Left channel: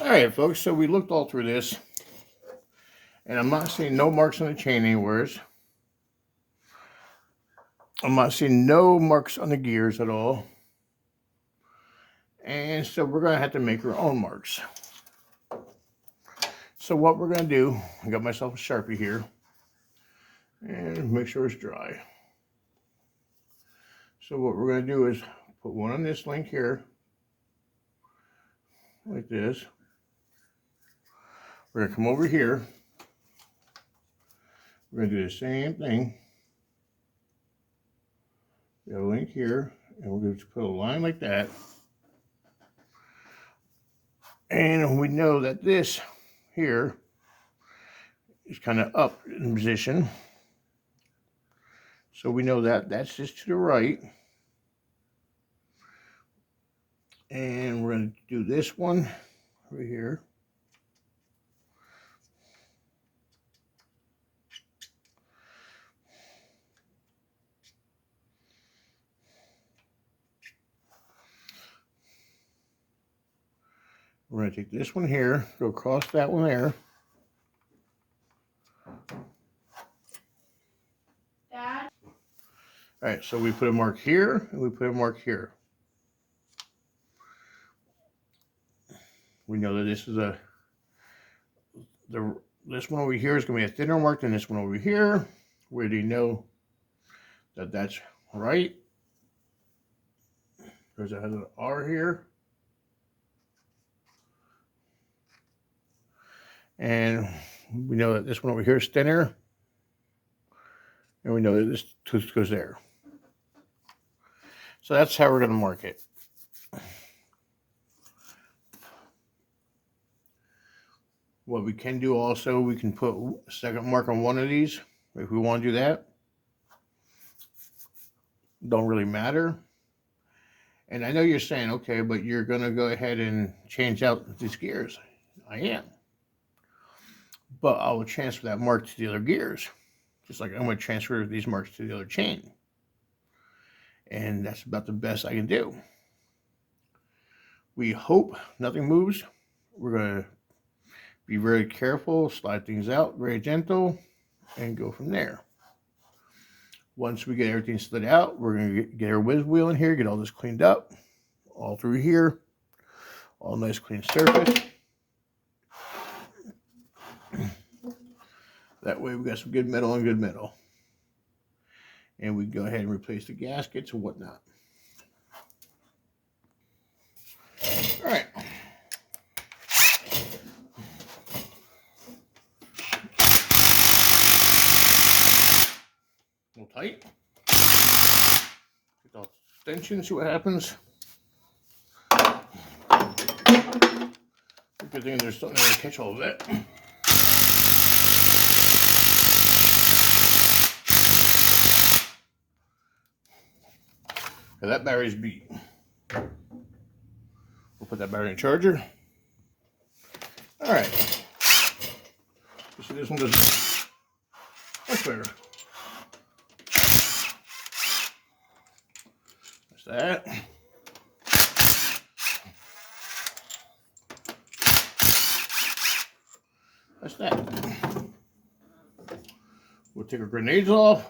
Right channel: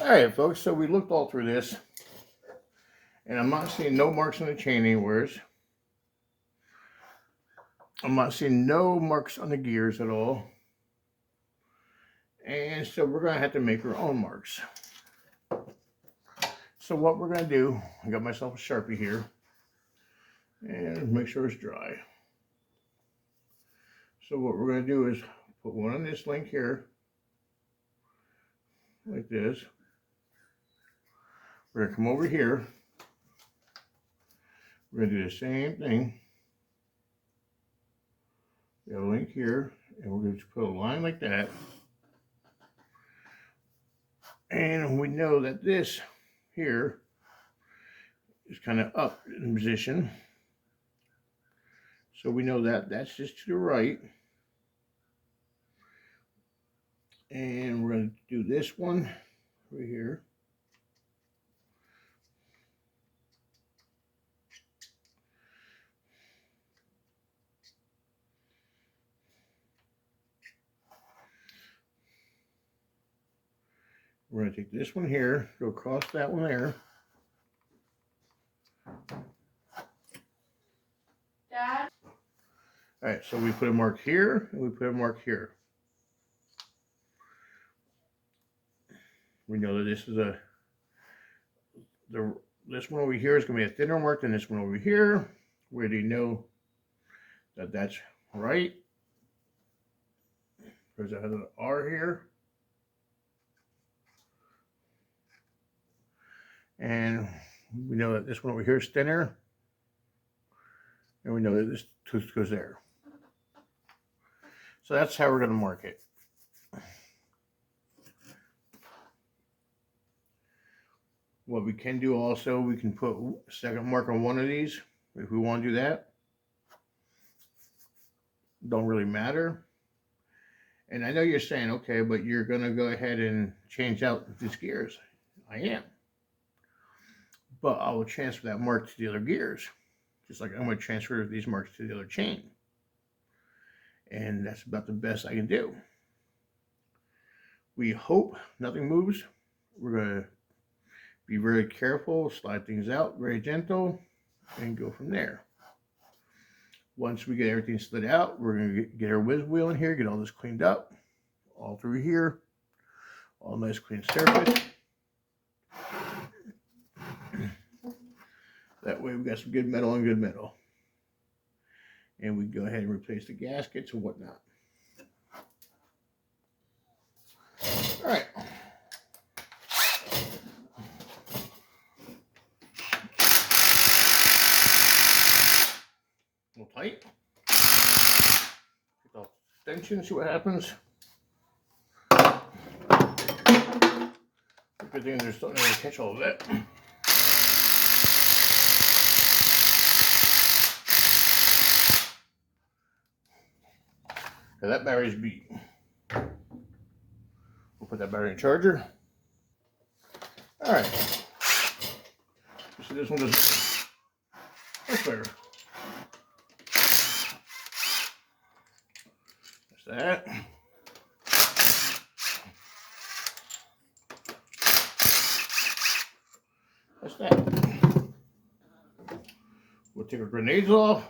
Alright folks, so we looked all through this and I'm not seeing no marks on the chain anywhere. I'm not seeing no marks on the gears at all. And so we're going to have to make our own marks. So what we're going to do, I got myself a Sharpie here and make sure it's dry. So what we're going to do is put one on this link here, like this. We're going to come over here. We're going to do the same thing. We have a link here, and we're going to put a line like that. And we know that this here is kind of up in position. So we know that that's just to the right. And we're going to do this one right here. We're going to take this one here, go across that one there. Dad? All right, so we put a mark here, and we put a mark here. We know that this is this one over here is going to be a thinner mark than this one over here. We already know that that's right, because it has an R here. And we know that this one over here is thinner. And we know that this tooth goes there. So that's how we're going to mark it. What we can do also, we can put a second mark on one of these if we want to do that. Don't really matter. And I know you're saying, okay, but you're going to go ahead and change out these gears. I am. But I will transfer that mark to the other gears. Just like I'm going to transfer these marks to the other chain. And that's about the best I can do. We hope nothing moves. We're going to be very careful, slide things out, very gentle, and go from there. Once we get everything slid out, we're going to get our whiz wheel in here, get all this cleaned up, all through here, all nice clean surface. That way we got some good metal and good metal. And we can go ahead and replace the gaskets and whatnot. All right. A little tight. Get the extension, see what happens. Good thing there's something there to catch all of that. Okay, that battery's beat. We'll put that battery in charger. All right. So this one goes much better. That's that. That's that. We'll take our grenades off.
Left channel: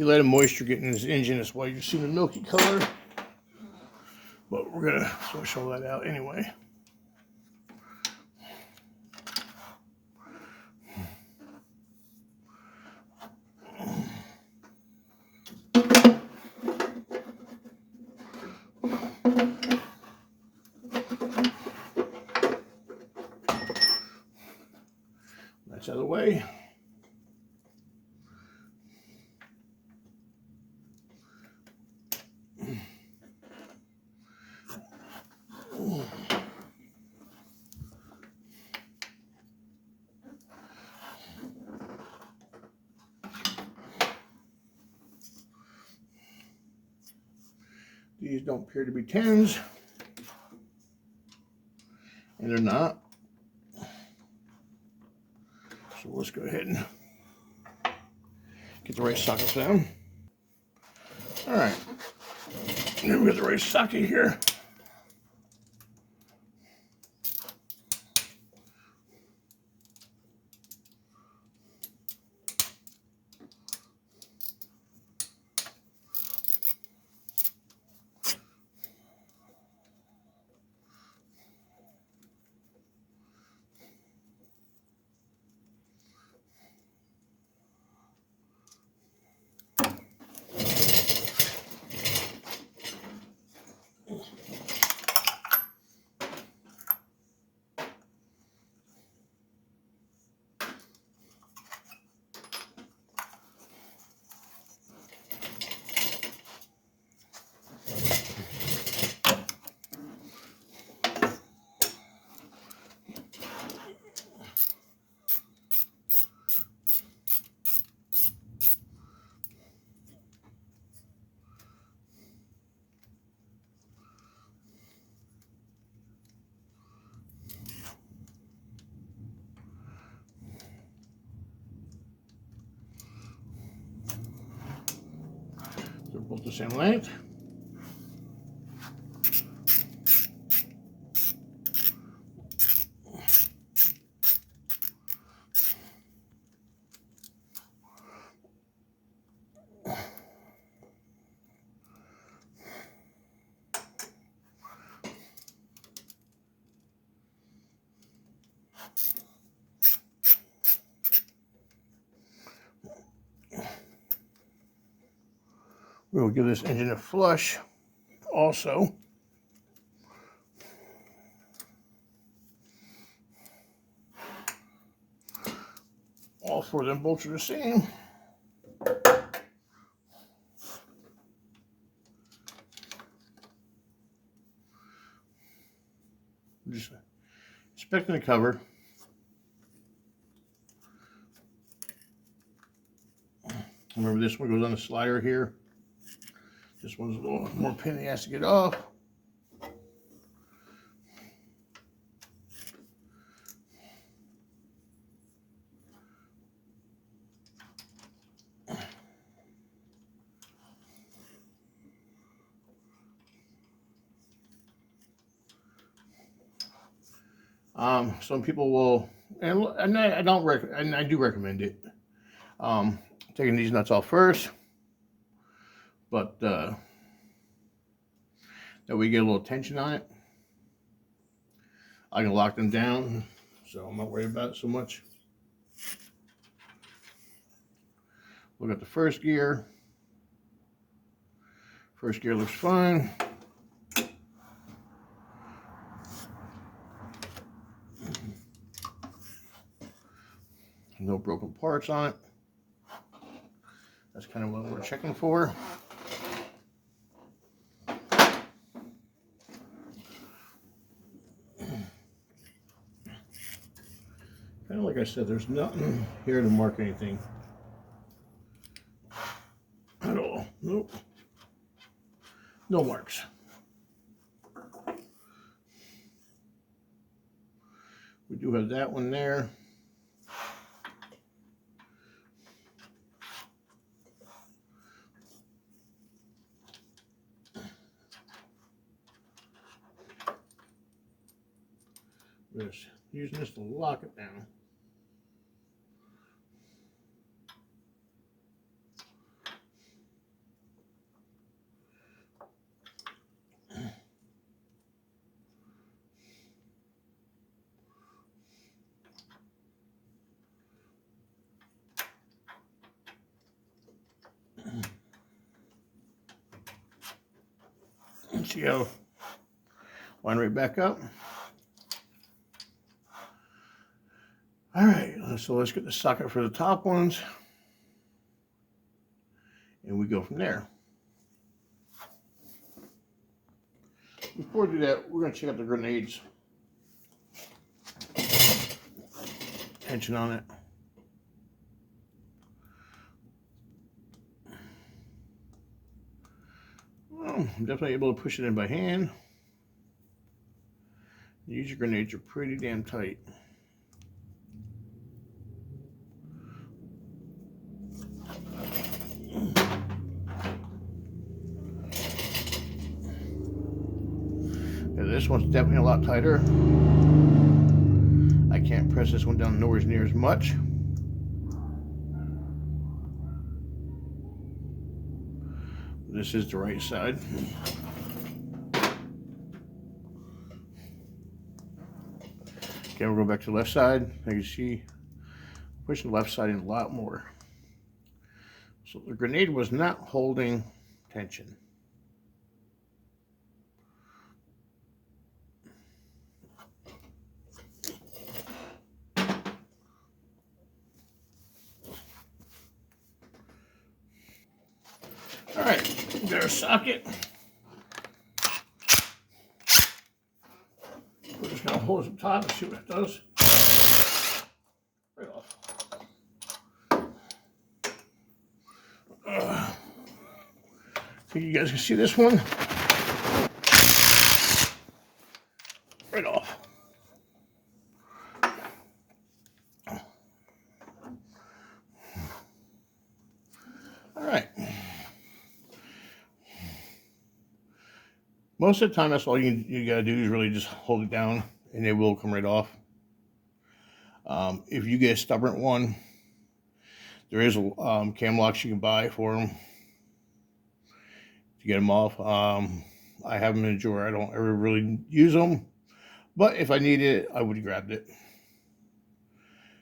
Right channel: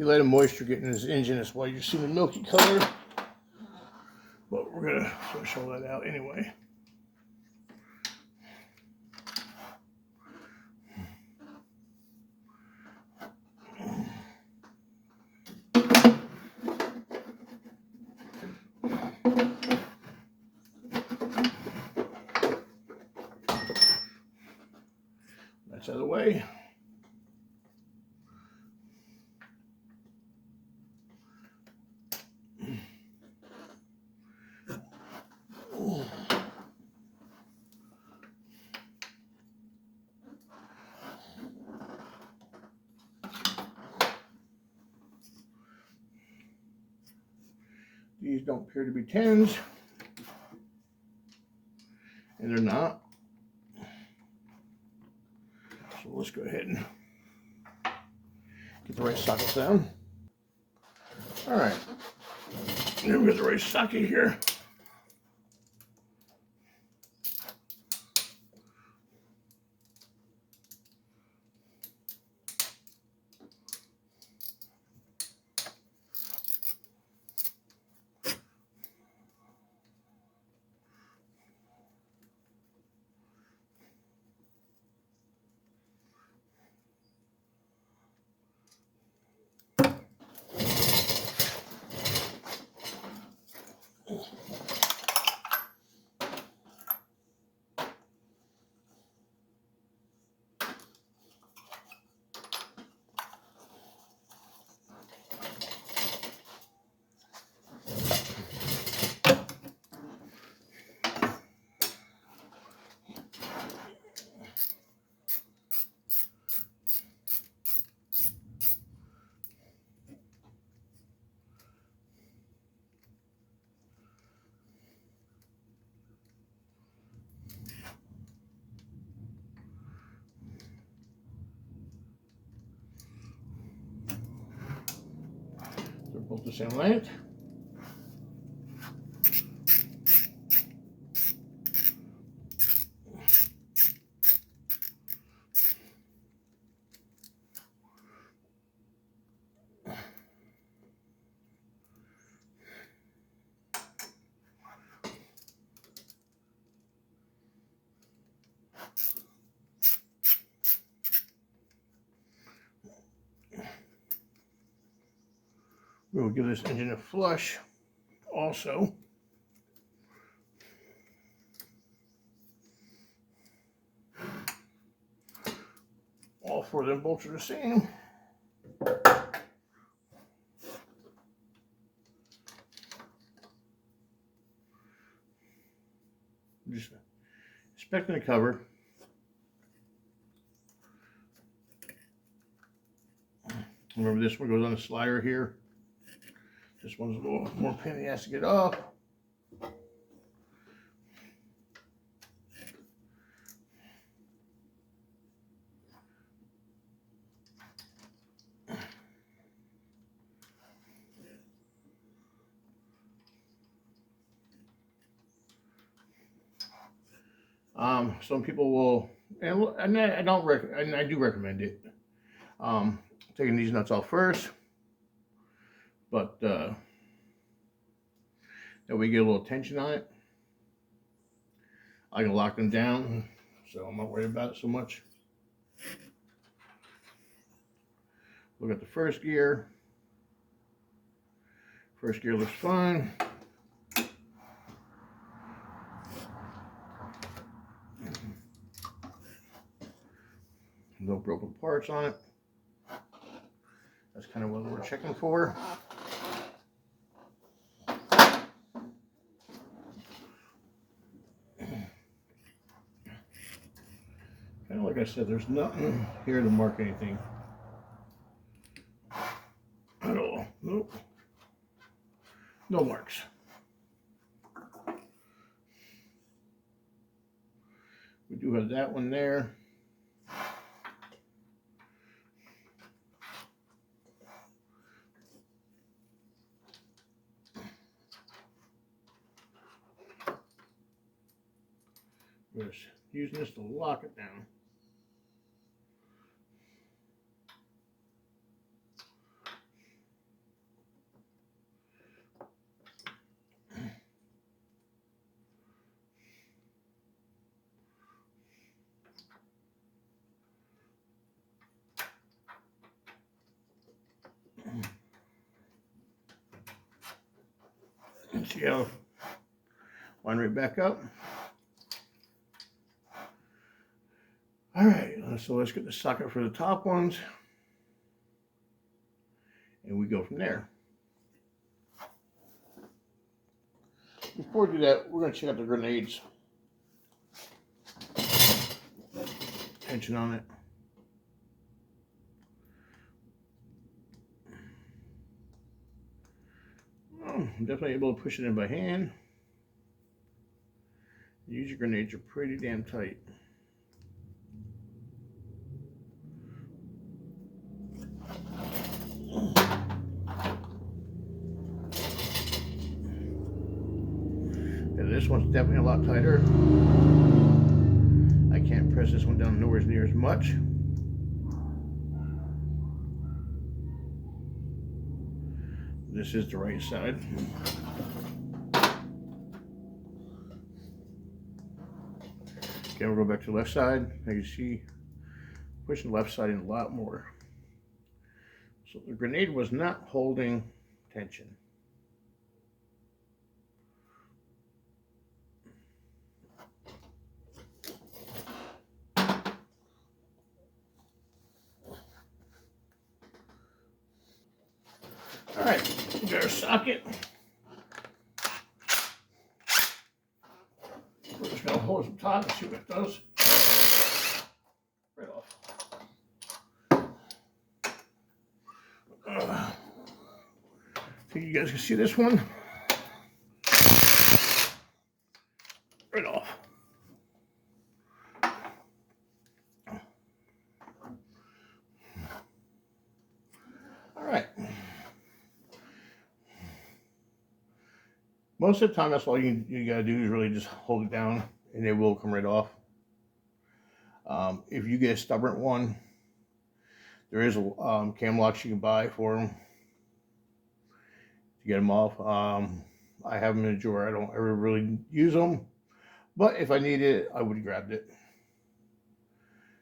You let the moisture get in this engine, that's why you see the milky color. But we're gonna flush all that out anyway. That's out of the way. These don't appear to be 10s, and they're not. So let's go ahead and get the right sockets down. All right, here we got the right socket here. They're both the same length. We'll give this engine a flush also. All four of them bolts are the same. Just inspecting the cover. Remember, this one goes on the slider here. This one's a little more pain in the ass to get off. Some people will, and I do recommend it. Taking these nuts off first, but that we get a little tension on it. I can lock them down, so I'm not worried about it so much. Look at the first gear. First gear looks fine. No broken parts on it. That's kind of what we're checking for. Kind of like I said, there's nothing here to mark anything at all. Nope. No marks. We do have that one there. We're just using this to lock it down. See how line right back up. All right, so let's get the socket for the top ones, and we go from there. Before we do that, we're going to check out the grenades. Tension on it. Well, I'm definitely able to push it in by hand. These grenades are pretty damn tight. this one's definitely a lot tighter. I can't press this one down nowhere near as much. This is the right side. Okay, we'll go back to the left side. Now you see, pushing the left side in a lot more. So the grenade was not holding tension. All right, we got our socket. We're just gonna hold it up top and see what it does. Right off. Think you guys can see this one? Right off. All right. Most of the time, that's all you gotta do is really just hold it down, and it will come right off. If you get a stubborn one, there is a cam locks you can buy for them to get them off. I have them in a drawer. I don't ever really use them, but if I need it, I would have grabbed it.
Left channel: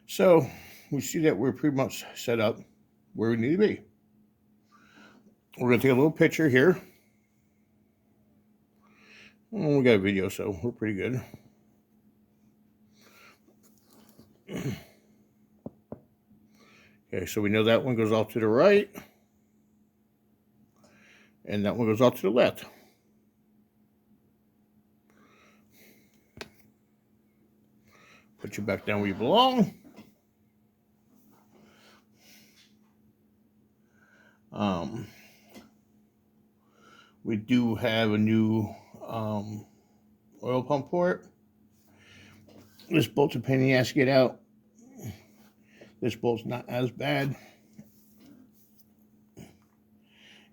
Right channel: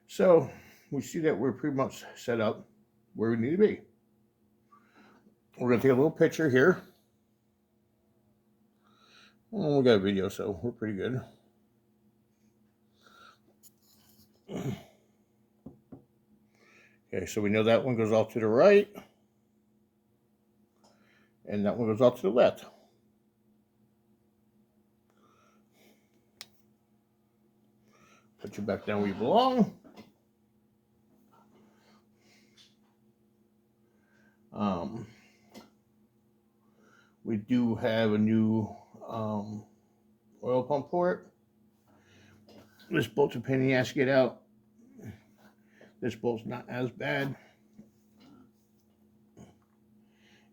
So we see that we're pretty much set up where we need to be. We're gonna take a little picture here. We got a video, so we're pretty good. Okay, so we know that one goes off to the right, and that one goes off to the left. Put you back down where you belong. We do have a new oil pump port. This bolt's a pain in the ass to get out. This bolt's not as bad.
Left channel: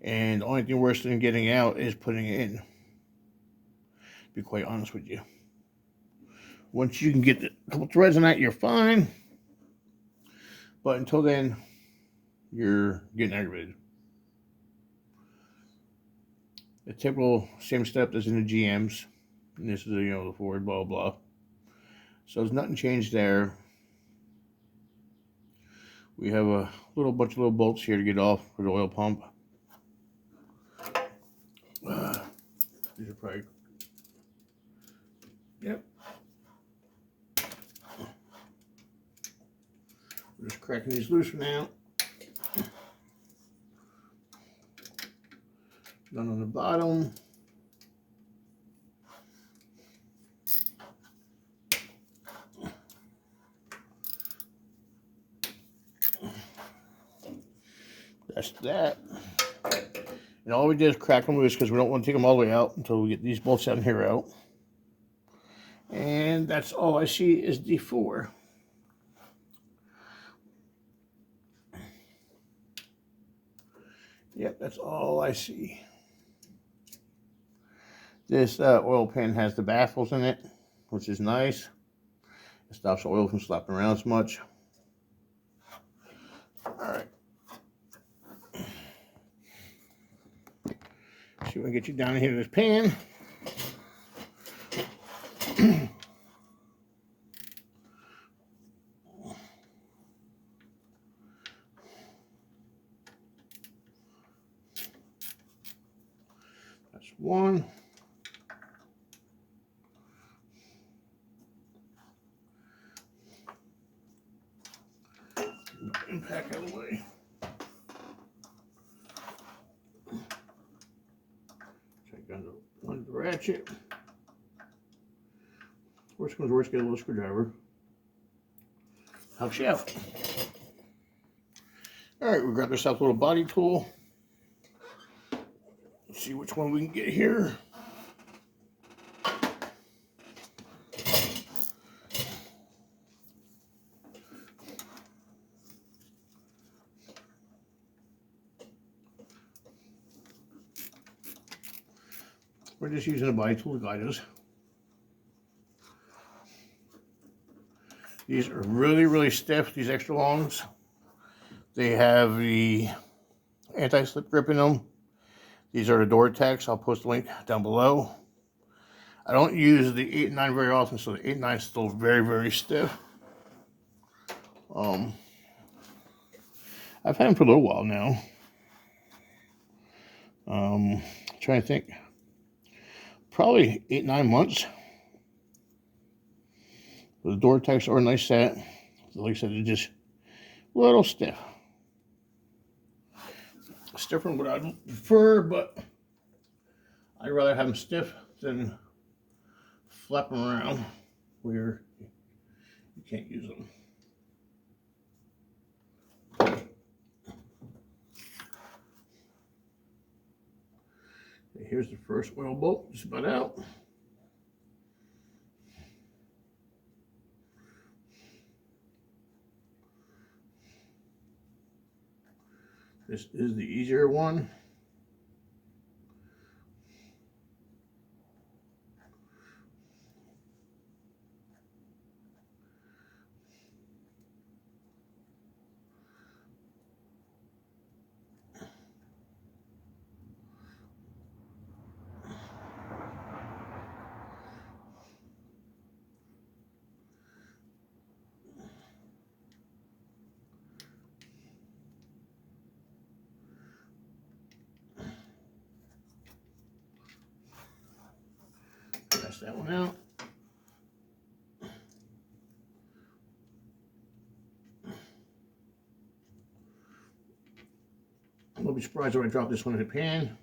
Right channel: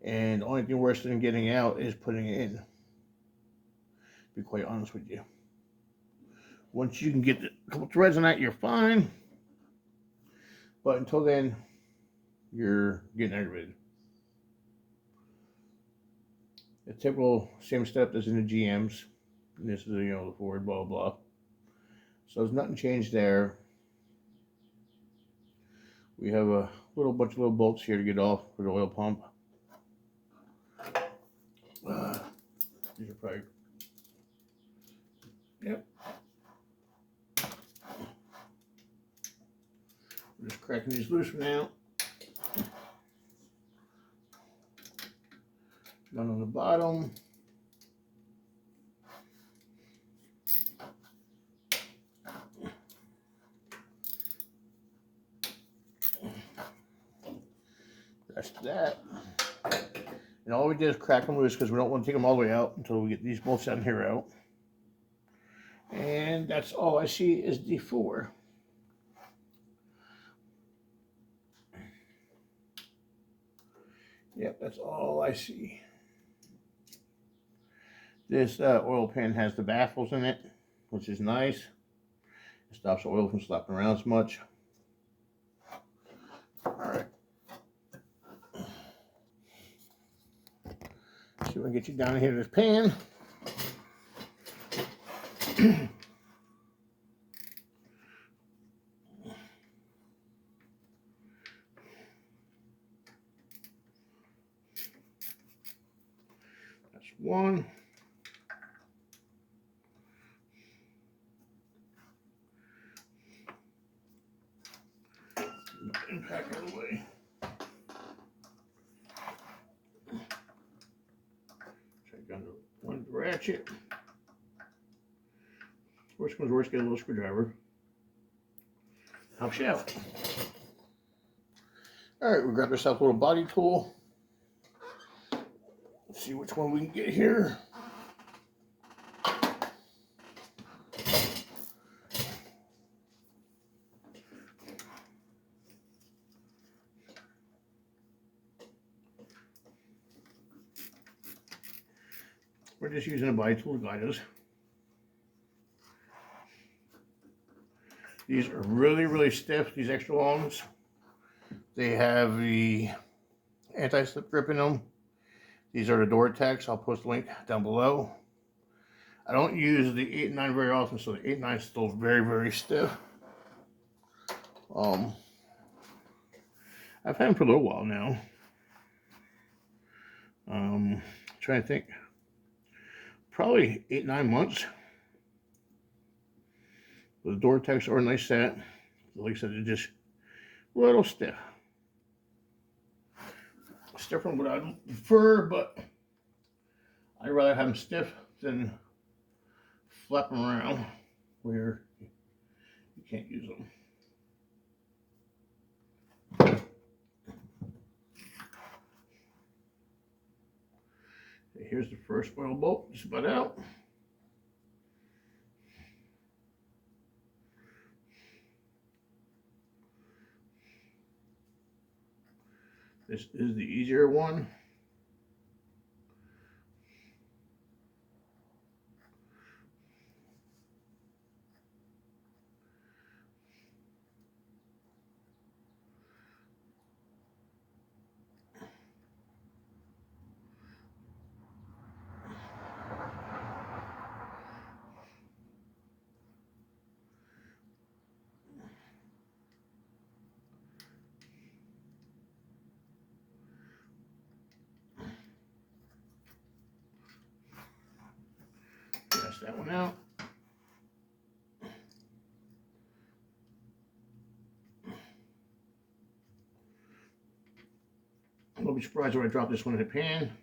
And the only thing worse than getting it out is putting it in. To be quite honest with you. Once you can get a couple threads in that, you're fine. But until then, you're getting aggravated. The typical same step as in the GMs. And this is, the Ford, blah, blah. So there's nothing changed there. We have a bunch of little bolts here to get off for the oil pump. These are probably, yep. We're just cracking these loose for now. None on the bottom. That's that. And all we did is crack them loose because we don't want to take them all the way out until we get these bolts down here out. And that's all I see is the 4. Yep, that's all I see. This oil pan has the baffles in it, which is nice. It stops the oil from slapping around as much. All right. See if I can get you down here to this pan. That's one. Impact out of the way. Check on the one ratchet. Worst comes to worst, get a little screwdriver. Helps you out. All right, we'll grab ourselves a little body tool. Let's see which one we can get here. We're just using a body tool to guide us. These are really, really stiff, these extra longs. They have the anti-slip grip in them. These are the door tacks. I'll post a link down below. I don't use the 8 and 9 very often, so the 8 and 9 is still very, very stiff. I've had them for a little while now. Trying to think. Probably 8, 9 months. The door tacks are a nice set. Like I said, they're just a little stiff. Stiffer than what I prefer, but I'd rather have them stiff than flap them around where you can't use them. Okay, here's the first oil bolt, just about out. This is the easier one. Press that one out. I won't be surprised when I drop this one in the pan.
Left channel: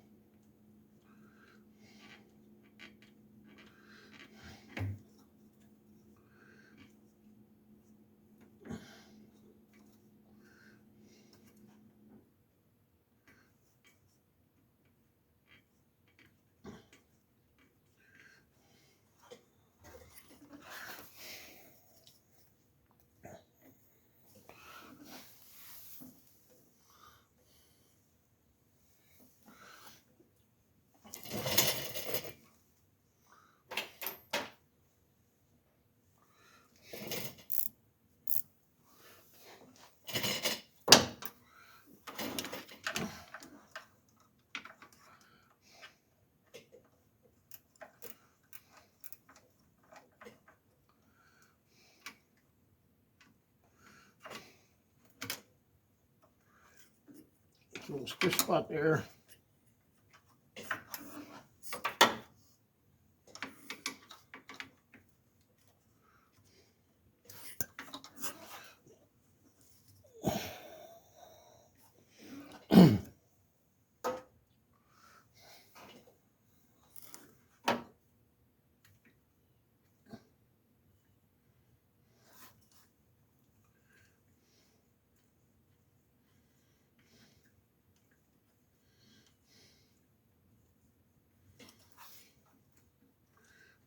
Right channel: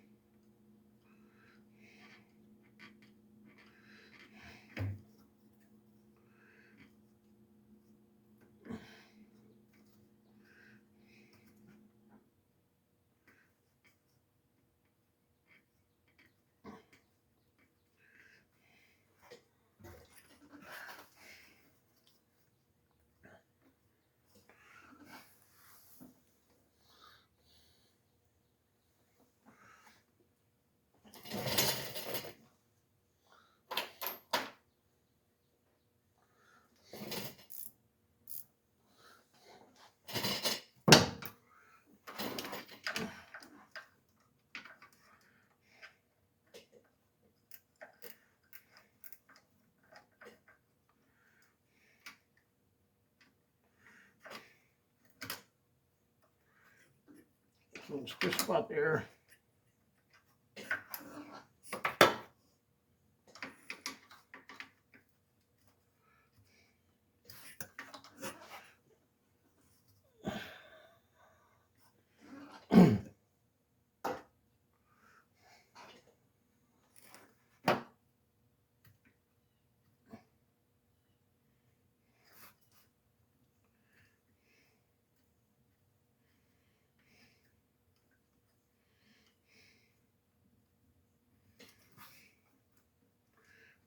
Little stiff spot there.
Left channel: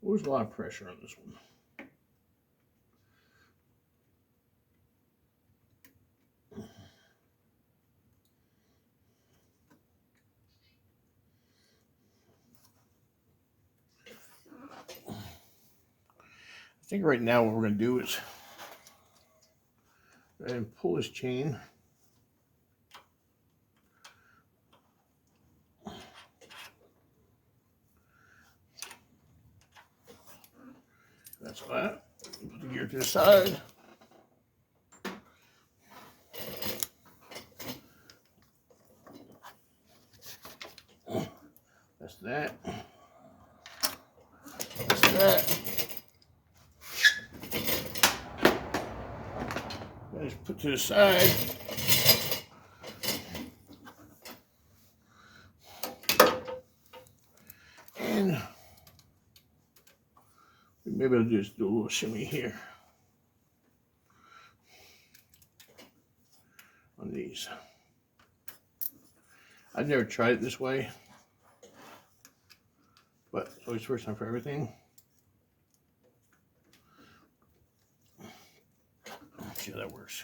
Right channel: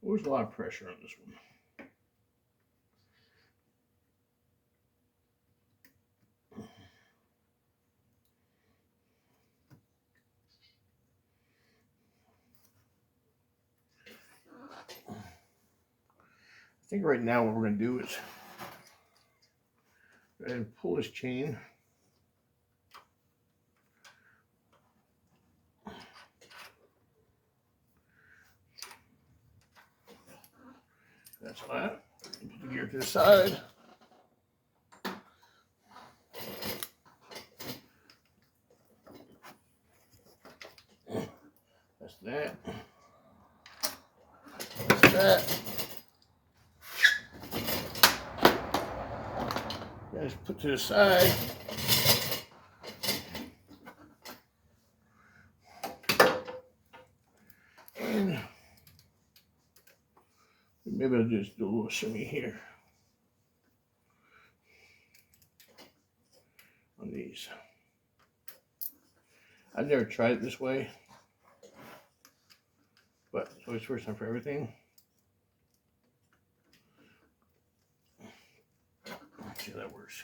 There's a lot of pressure on this one. I think right now what we're going to do is go ahead and pull this chain. That's that. Put the gear to the side. That's that. That's that. Just put to the side. And maybe I'll just do a little shimmy here on these. I've never tried it this way, but it's always first time for everything. Let's see how that works.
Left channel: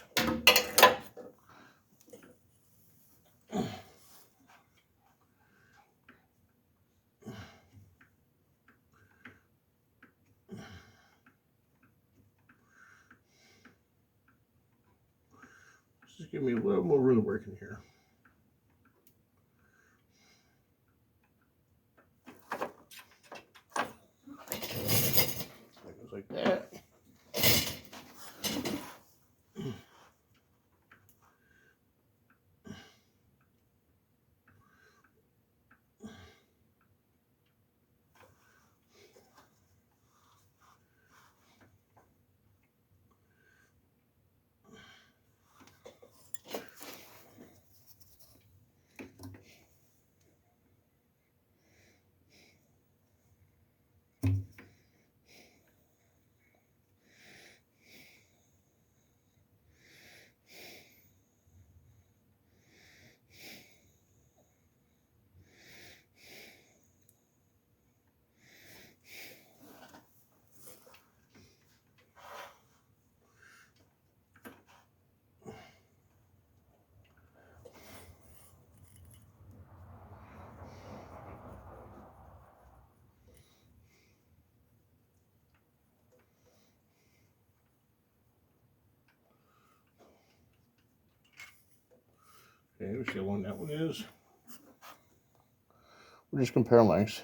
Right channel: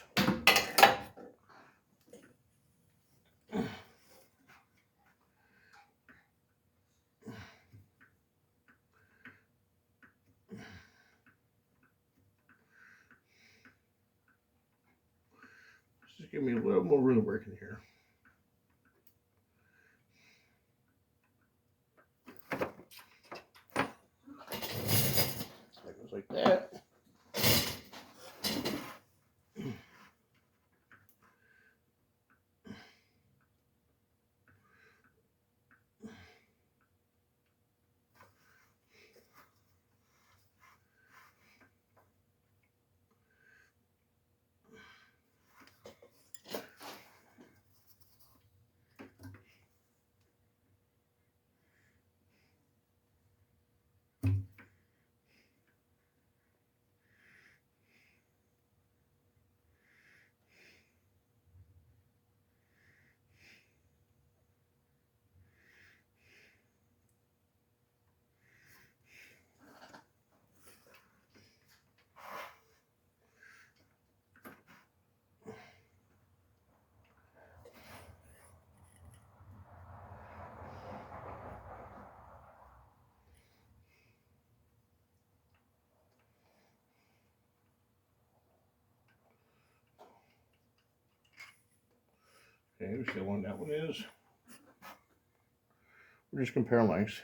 give me a little more room to work in here. That goes like that. Okay, we see how long that one is. We're just comparing lengths.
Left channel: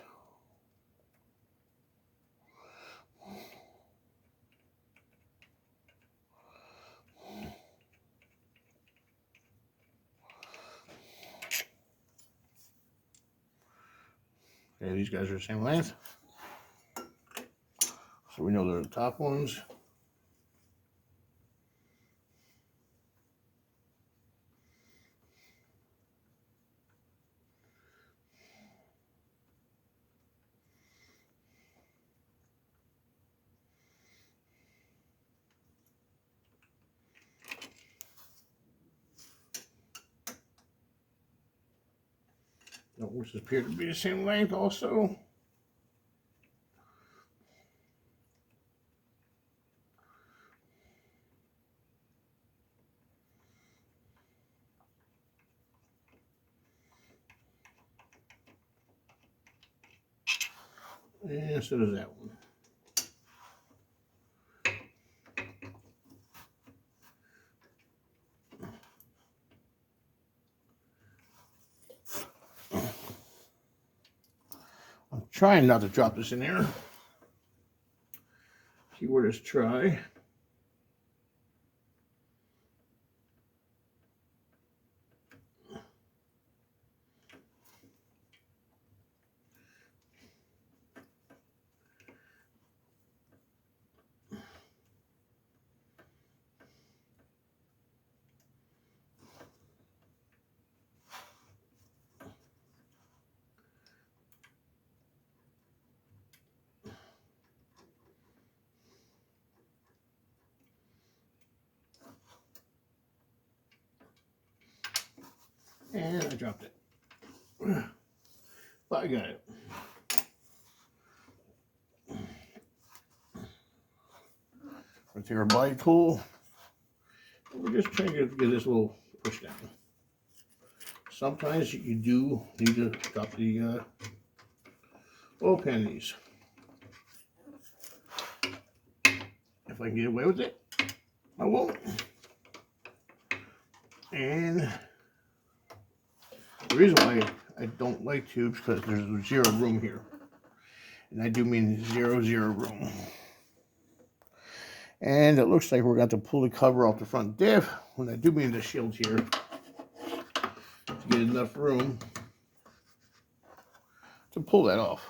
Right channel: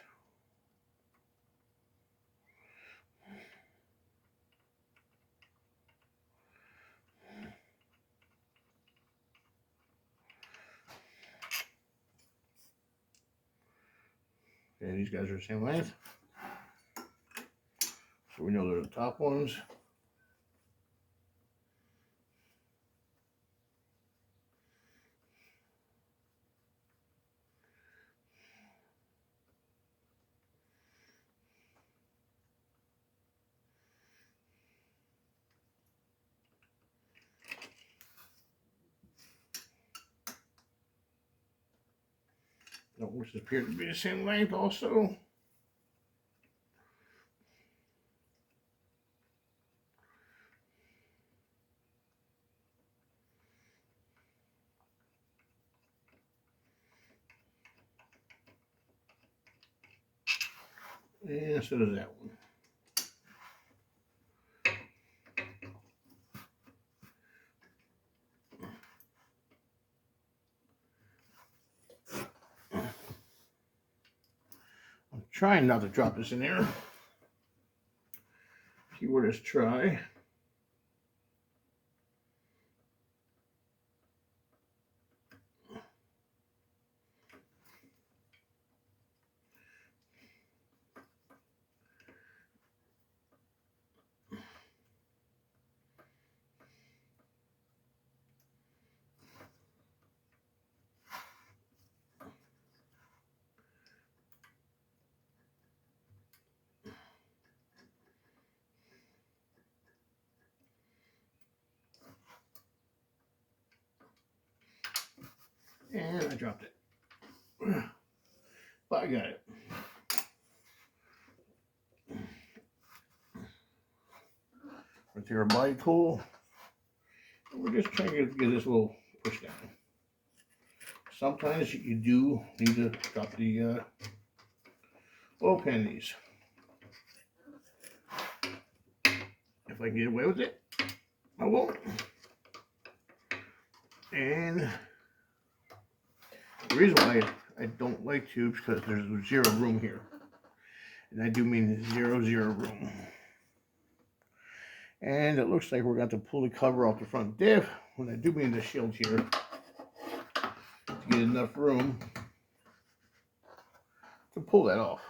Okay, these guys are the same length. So we know they're the top ones. Those appear to be the same length also. And so does that one. I'm trying not to drop this in there. Keyword is try. And I dropped it. But I got it. We'll take our blade tool. We're just trying to get this little push down. Sometimes you do need to drop the oil pan in these. If I can get away with it, I won't. And the reason why I don't like to is because there's zero room here. And I do mean zero room. And it looks like we're going to pull the cover off the front diff. When I do mean the shield here, to get enough room to pull that off.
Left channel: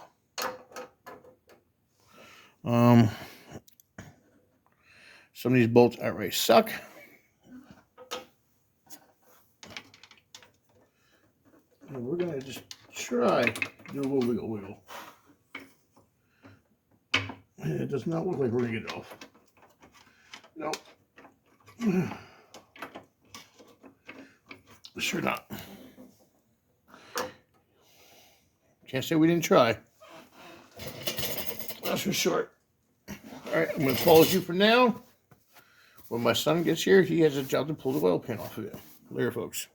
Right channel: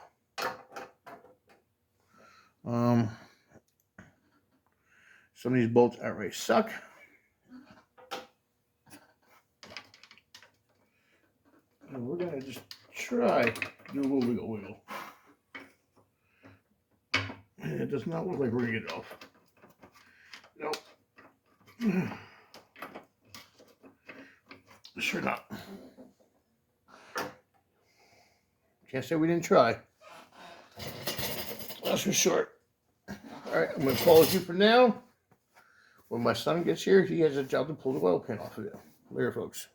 Some of these bolts outright suck. And we're going to just try to do a little wiggle. And it does not look like we're going to get it off. Nope. Sure not. Can't say we didn't try. That's for short. Alright, I'm going to pause you for now. When my son gets here, he has a job to pull the oil pan off of it. Later, folks.